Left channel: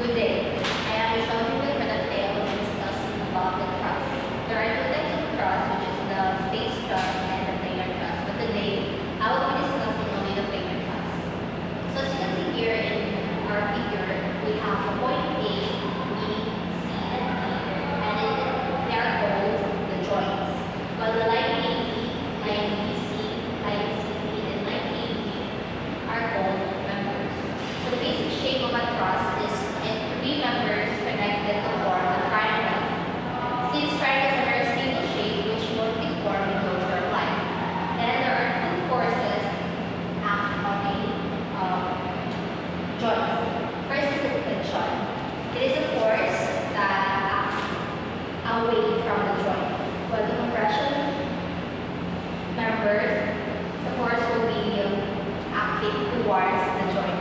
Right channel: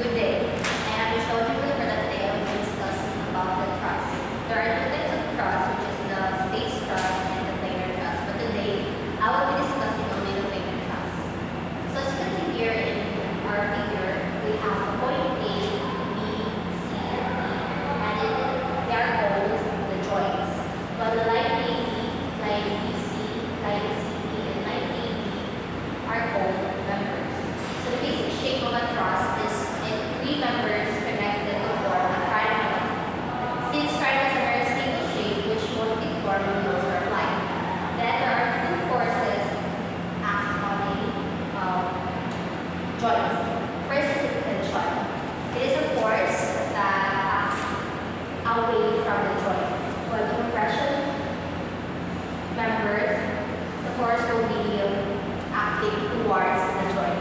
Good day. I am Michelle here for the today I will be discussing about the truss. There are two types of truss, which is the space truss and the planar truss. But today, I will be discussing only the planar truss. So as you can see here in our figure, we have a point A, B, C, and D, and then they are called the joints. While the line AB, line BC, line CD, and line AB are called members. So the basic shape of a truss is three members connected to form a triangle. Since triangles are a stable shape which won't be formed when loads are applied, then there are two forces acting on a joint. First is the tension. It is a force that acts away from the joint. While the compression members, the force will be acting towards the joint.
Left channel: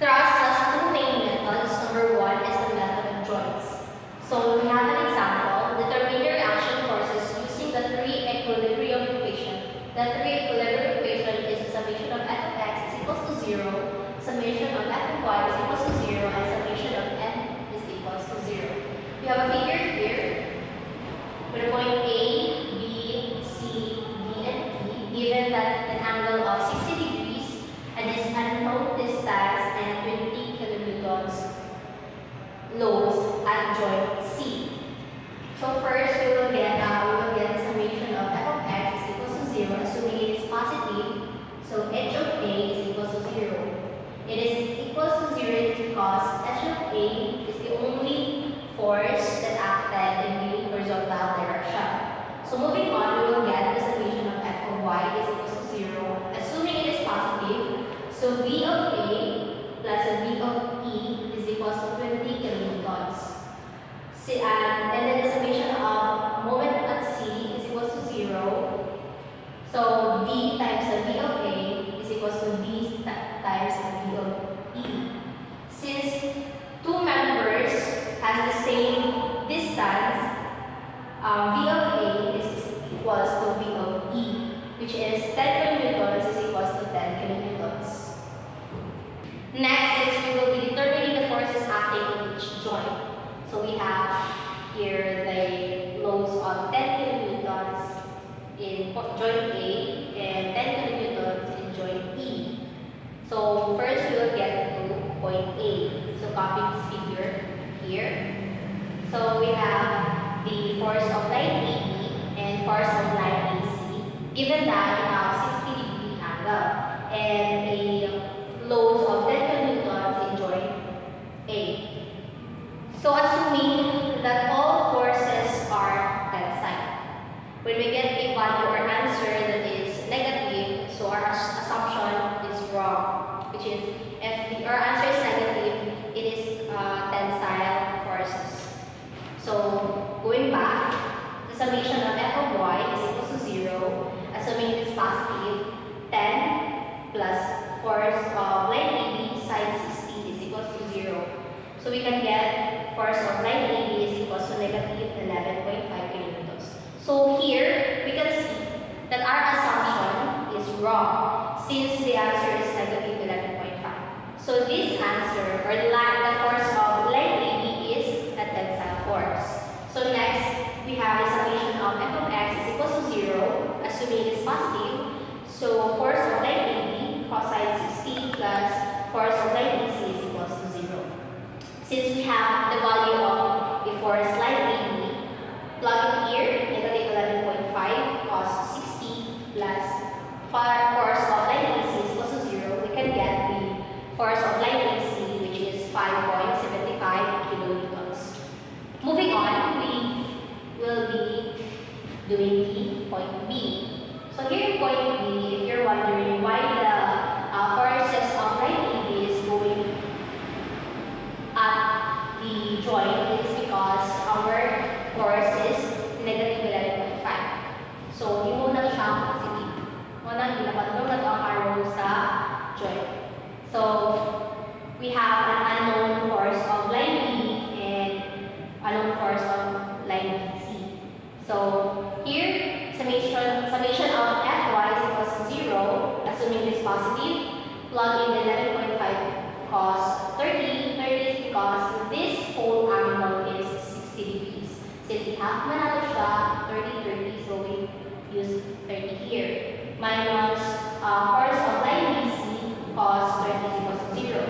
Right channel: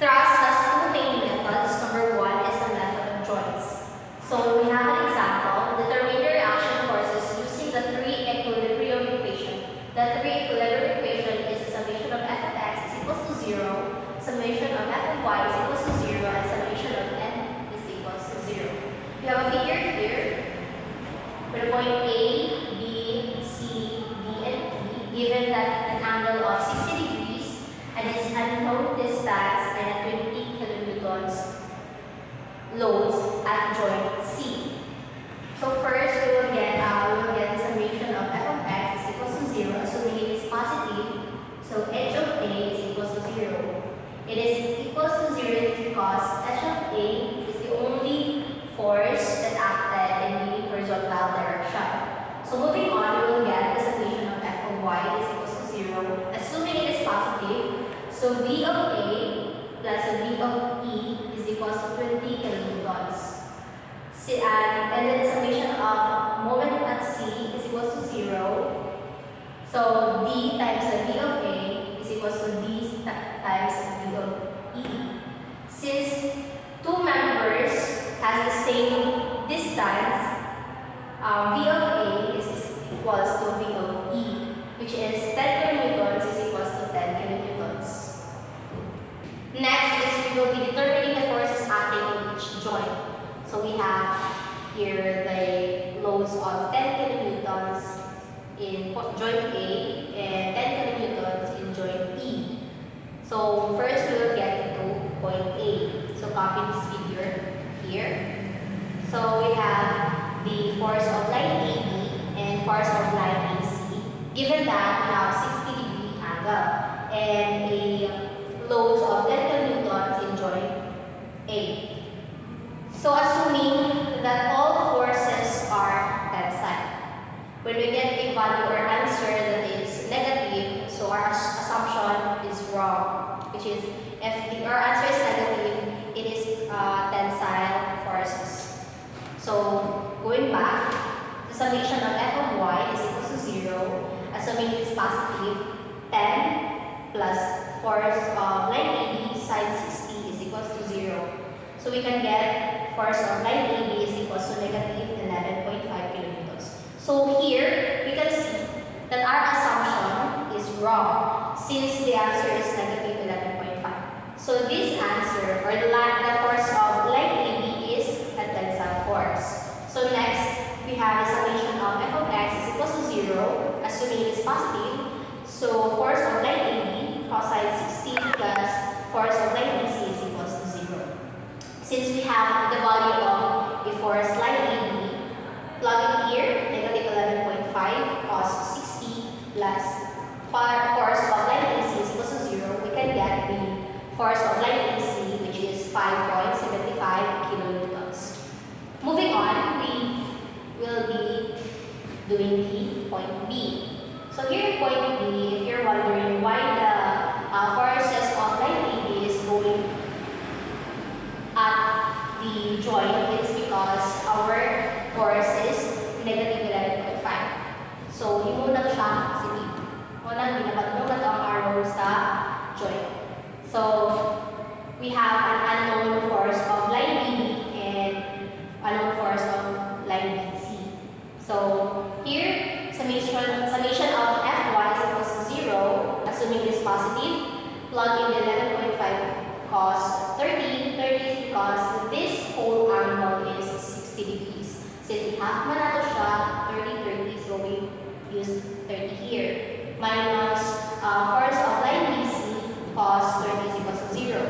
Truss has two main methods. Number one is the method of joints. So we have an example. Determine the reaction forces using the three equilibrium equation. The three equilibrium equation is the summation of f of x is equals to 0, summation of f of y is equals to 0, and summation of n is equals to 0. We have a figure here with a point A, B, C, D, and E, given that an angle of 60 degrees and this unknown distance and 20 kilonewtons loads at joint C. So first we will get the summation of f of x is equals to 0, assuming it is positive. So h of A is equals to 0. It is equals to 0 because h of A is the only force that acted in the horizontal direction. So moving on, we will get the summation of f of y is equals to 0, assuming it is positive. So V of A plus V of E is equals to 20 kilonewtons. And then the summation of moment at C is equals to 0. So D times V of A is equals to D times V of E. Since two members has the same distance, V of A is equals to V of E, which is 10 kilonewtons is equals to 10 kilonewtons. Next is we will be determining the forces acting on each joint. So we have here the loads of 10 kilonewtons in joint A and 10 kilonewtons in joint E. So first we will get to point A. So copy this figure here. So we have the force of line AB and force of line AC. Given that we have 60 degree angle and a loads of 10 kilonewtons in joint A. So assuming that all forces are tensile, when we get a value or answer that is negative, so our assumption is wrong, which is if our answer is negative, it is tensile forces. So going back, the summation of f of y is equals to 0, assuming it is positive, 10 plus force of line AB sine 60 is equals to 0. So we can get force of line AB is equals to negative 11.5 kilonewtons. So here we can see that our assumption is wrong since the answer is negative 11.5. So this answer or the force of line AB is a tensile force. So next we have the summation of f of x is equals to 0, assuming it is positive. So force of line AB cosine 60 plus force of line AC is equals to 0. Since we have the value of a force line AB, plug it here, negative 11.5 cos 60 plus force of line AC is equals to 0. We can get the force of line AC, which is 5.75 kilonewtons. Moving on, we will be doing the point B. So here in point B, if you're wondering why the forces of line AB is going at the joint, it's because our force is negative 11.5. So, hindi mo lang siya positive. Unang ginapatulong na ito ang arrow sa joint. So, we have an unknown force of line AB and unknown force of line BC. So, here, summation of fy is equals to 0, assuming it is positive, plug in the 11.5 cos 30. 30 is because this whole angle is 60 degrees. Since we have manato siya, 30, 30, so we use 30 here. Minus force of line BC, cos 30 is equals to 0.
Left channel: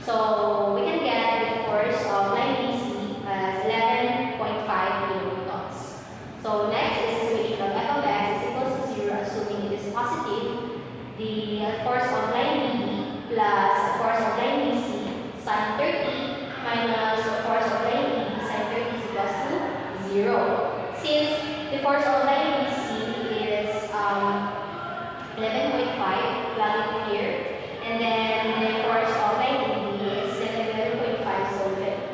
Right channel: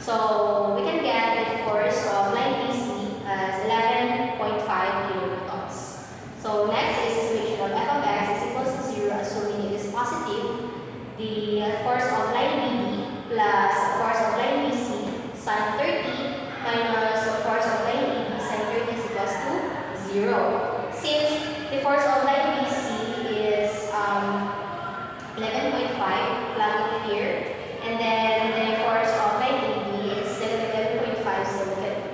So we can get the force of line BC as 11.5 kilonewtons. So next is the solution of f of x is equals to 0, assuming it is positive. The force of line BD plus force of line BC sin 30 minus force of line BD sin 30 is equals to 0. Since the force of line BC is 11.5, plug it here, and then the force of line BD is 11.5, so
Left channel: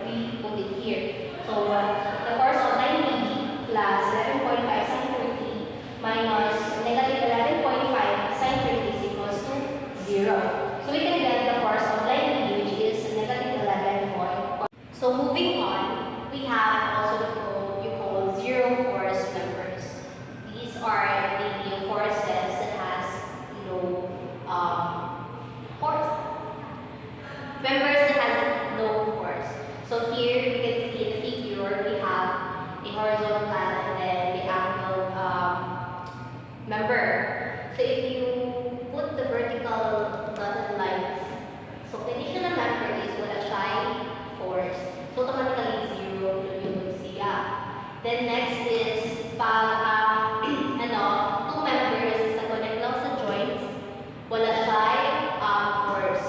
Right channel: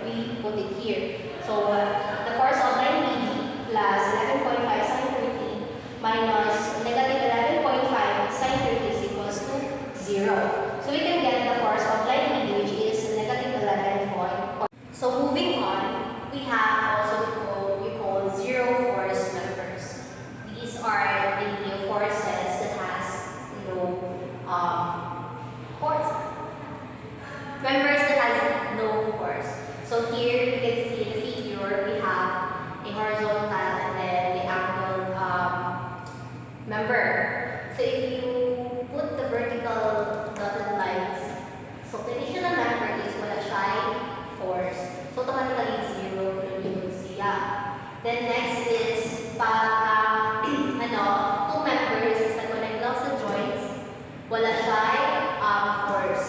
we put it here. So the force of line BD plus 11.5 sin 30 minus negative 11.5 sin 30 is equals to 0. So we can get the force of line BD, which is negative 11.5. So moving on, we have also what we call zero force members. These are the forces that has force members that has no force. So here you can see the figure. We have the horizontal and then the angle member. So if you put the vertical dotted lines, so conditional member is wala siya force. So automatically 0 yung siya. Then next is two members is na connect lang sa joints, wala siya force.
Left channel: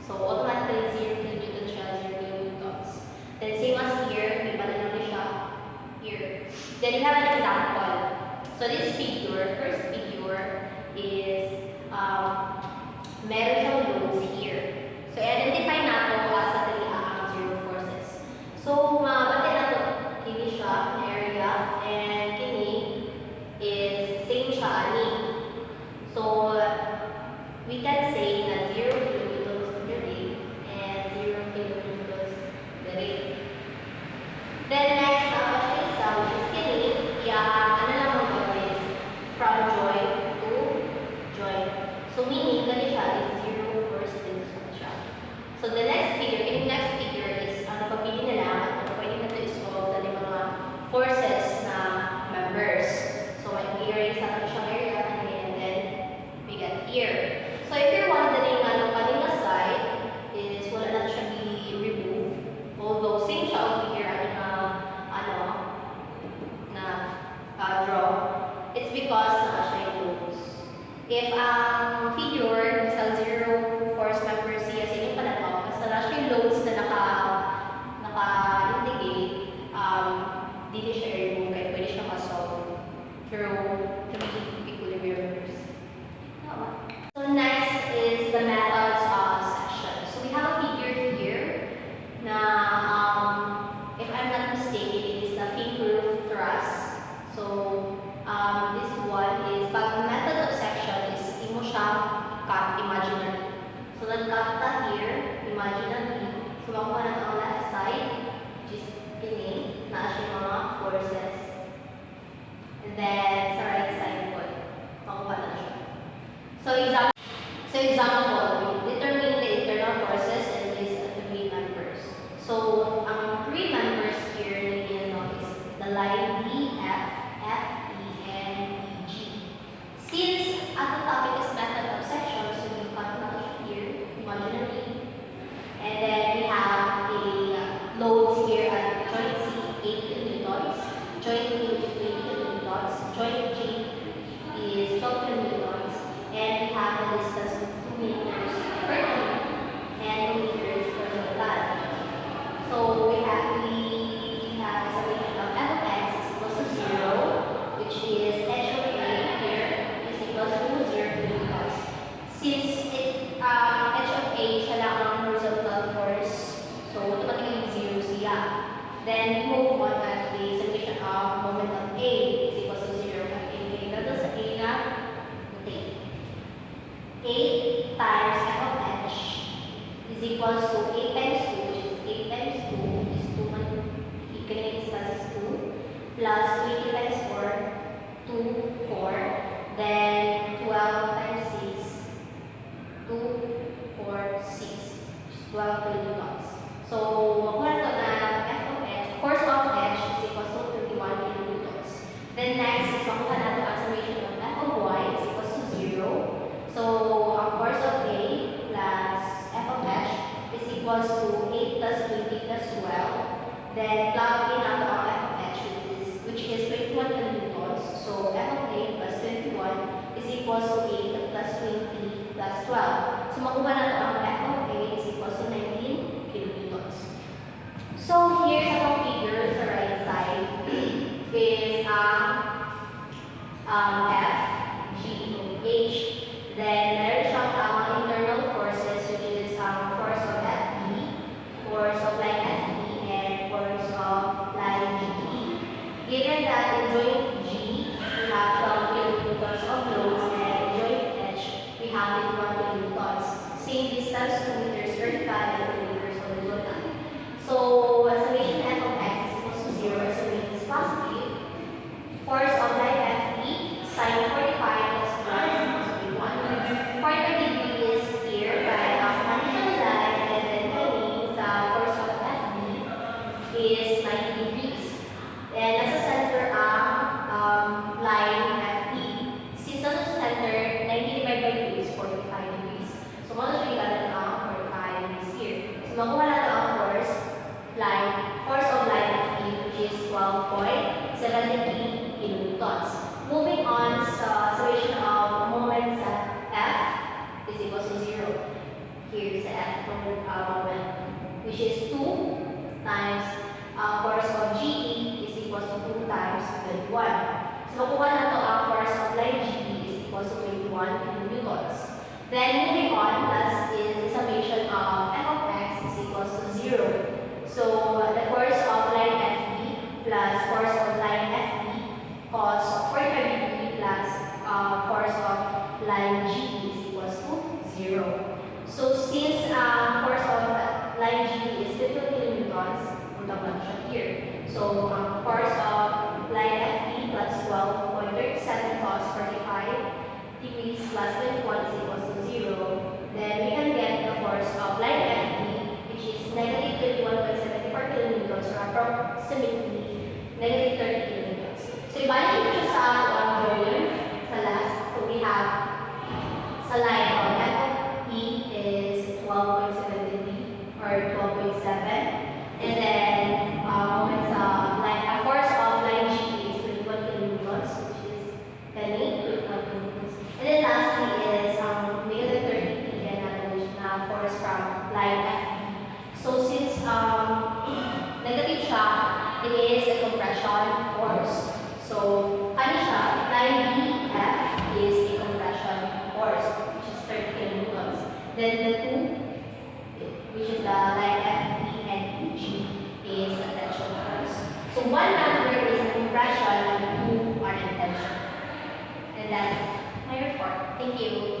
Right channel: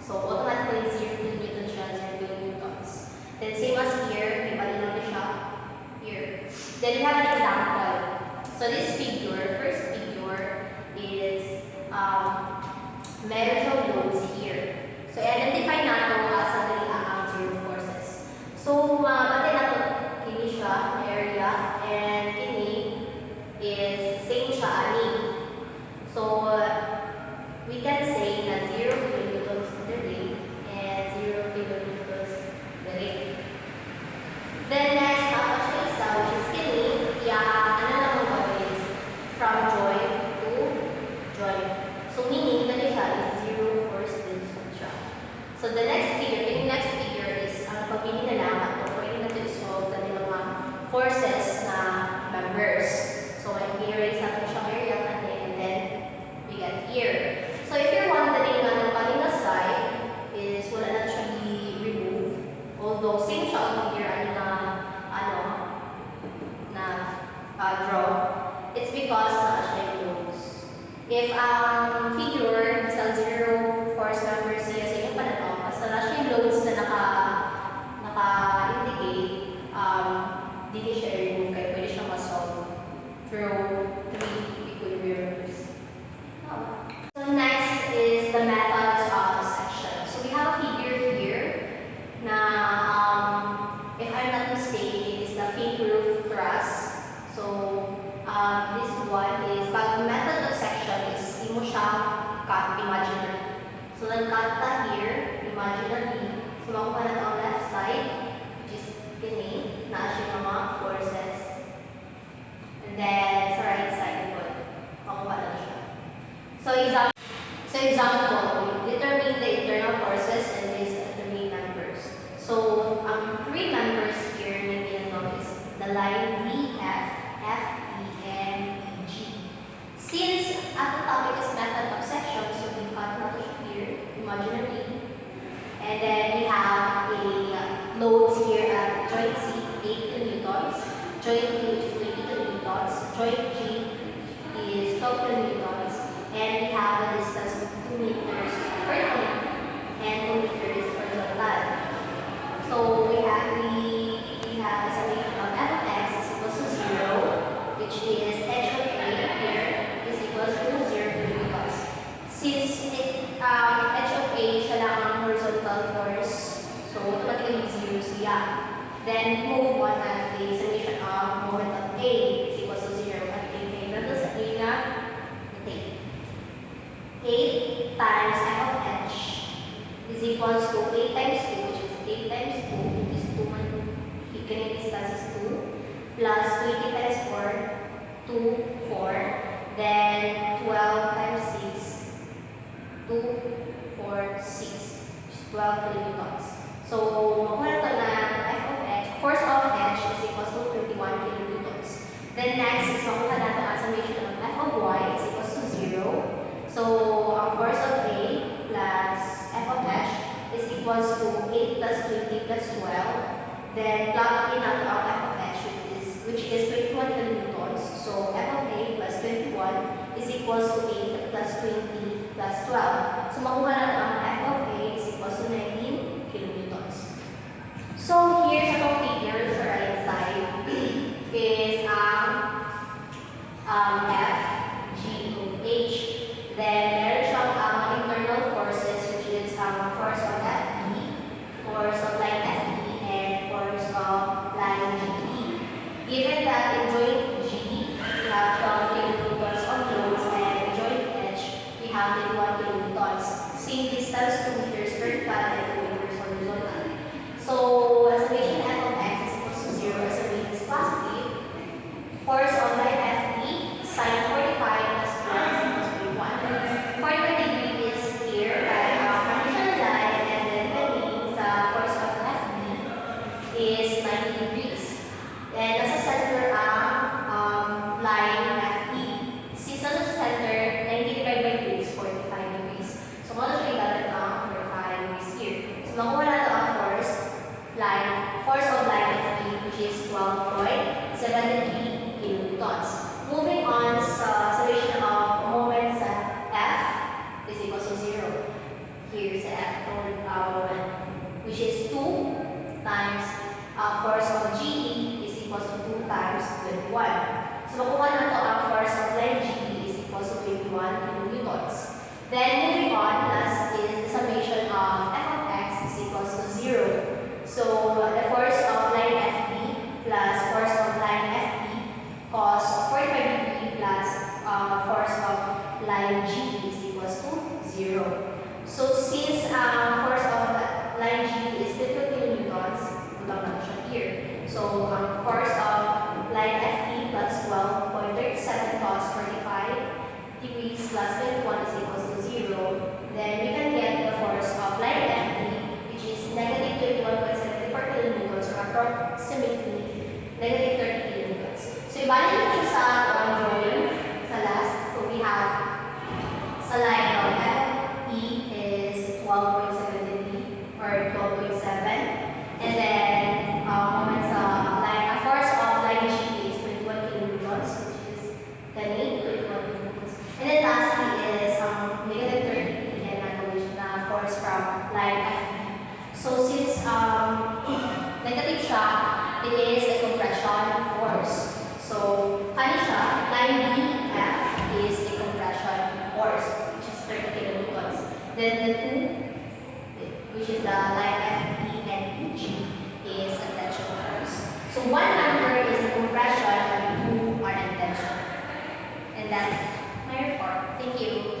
So automatically 0 kilonewton siya, 0 kilonewtons. Then same as here, may balinaw na siya here. Then we have an example. So this figure, first figure is meron siyang loads here. So identify nato as ang zero forces. So batay nato kini siya area and kini is same siya ani. So we can say na 0 kilonewtons per day and 0 kilonewtons per day. Then next nato siya isa, which is kini, ano lang mo is from joint to joint. So meaning that siya is 0 force tension siya. So the next figure, is ang pagpili na lang at pwede na to isolve ng mga forces na members. So i-erase natin siyang area and then we get here. So if you're wondering ano kanina side is wala na siya i-remove. Although same siya on here draw. It's because siya yung loads. If ang figure sa 0 force member siya sa inyong pananaw, basta na siya yung loads na naka-indicate, hindi siya i-remove kaya pwede siya ma-solve through 3 equilibriums. So next is the methods of section. So we have a figure here na if I'm not mistaken, it is the finger truss. So this one is, pag method of section is imo siya cut imaginary. So nag-cut ta here, imaginary. So makuha na ang left side, which is kini, na siya mga forces. And then sa right side po, makuha na siya. So example, determine the internal forces and list the 3 members. So ang 3 members here na ginagawa is the line DF, FE, and EG. Since at the topic is method of section, so we cut na here, imaginary. And then we have a loads here at joint C, 8 kilonewtons, joint D, which is 20 kilonewtons, joint G is 12 kilonewtons, and we have a distance of 2 meters vertical and 2 meters horizontal. So we have a summation of f of x is equals to 0, which is h of a here is equals to 0 kilonewtons. Since h of a siya lang ang horizontal force, so automatically 0 siya. Then move on at the summation of moment of a is equals to 0 at a. Pero sa a na, 8 times f of h is equals to 8 times 2, which is 8 times 2 is 2 man, equal distance is 2, plus 20 times 4, 2, 4, then 12 times 6, 2, 4, 6, which is 12 kilonewtons. So, makuha na na F of H, force of H is equals to 21 kilonewtons. Then next is makuha natin ang summation of F of Y is equals to 0. So, ang force of A plus F of H is equals to 8 plus 20 plus 12. Then plug in ang F of H which is 21 kilonewtons. So, F of A plus 21 is equals to 8 plus 20 plus 12. So, makuha natin ang F of A is equals to 19 kilonewtons. So, here's our figure sa right side is F, G, H. Then, meron siyang internal forces which is force of FE, force of line FE, and force of line GE. Given that in joint G, we have 12 kilonewtons on loads, and in joint H, we have 21 kilonewtons. Same distance, 2 meters vertical and 2 meters horizontal. So, summation F of X is equals to 0 as the weight is positive. Force of line FE, sine 45 plus 1 is equals to 1. 45 degree is here by conditional line, and then that means the force of FE is 90 degrees. And nasa center ang line FE. Since nasa center, 90 divided by 2 is 45 degrees. So, kung ano siya ilalan ang 45 degrees here. So, makuha natin ang force of line FE, which is 12.73 kilonewtons. Moving on sa summation of moment sa F is equals to 0. Here's the F moment, which is 2 times force of GE is equals to 2 times 21. So, makuha na ito ang force of line GE is equals to 21 kilonewtons. Then, moving on, last is the summation of F of X is equals to 0. So, the force of line FE plus force of line FE cos 45 degree plus force of line GE is equals to 0. So, since force of line GE is 50 kilonewtons, naman siya here. So, force of line FE plus 12.37 cos 45 degrees plus 21 is equals to 0. Then, we can get the force of line FE, which is negative 21.74 kilonewtons, or approximately negative 30 kilonewtons. So, ibalik mo siya sa drawing sa last. So, we have sa line of FE is 12.73 or 12.7. And then, moment sa line, force of line G is 21 kilonewtons, which is ganun, 21 kilonewtons. And then lastly is negative 30 kN na force from line FE. So since negative siya, it is a compression force. So, kani siya, line BF is a compression force, which is 30 kilonewtons. Then the two, which is the line FE and PG, is a tension force. So one number is compression and two are in tension. And that's my report. Thank you.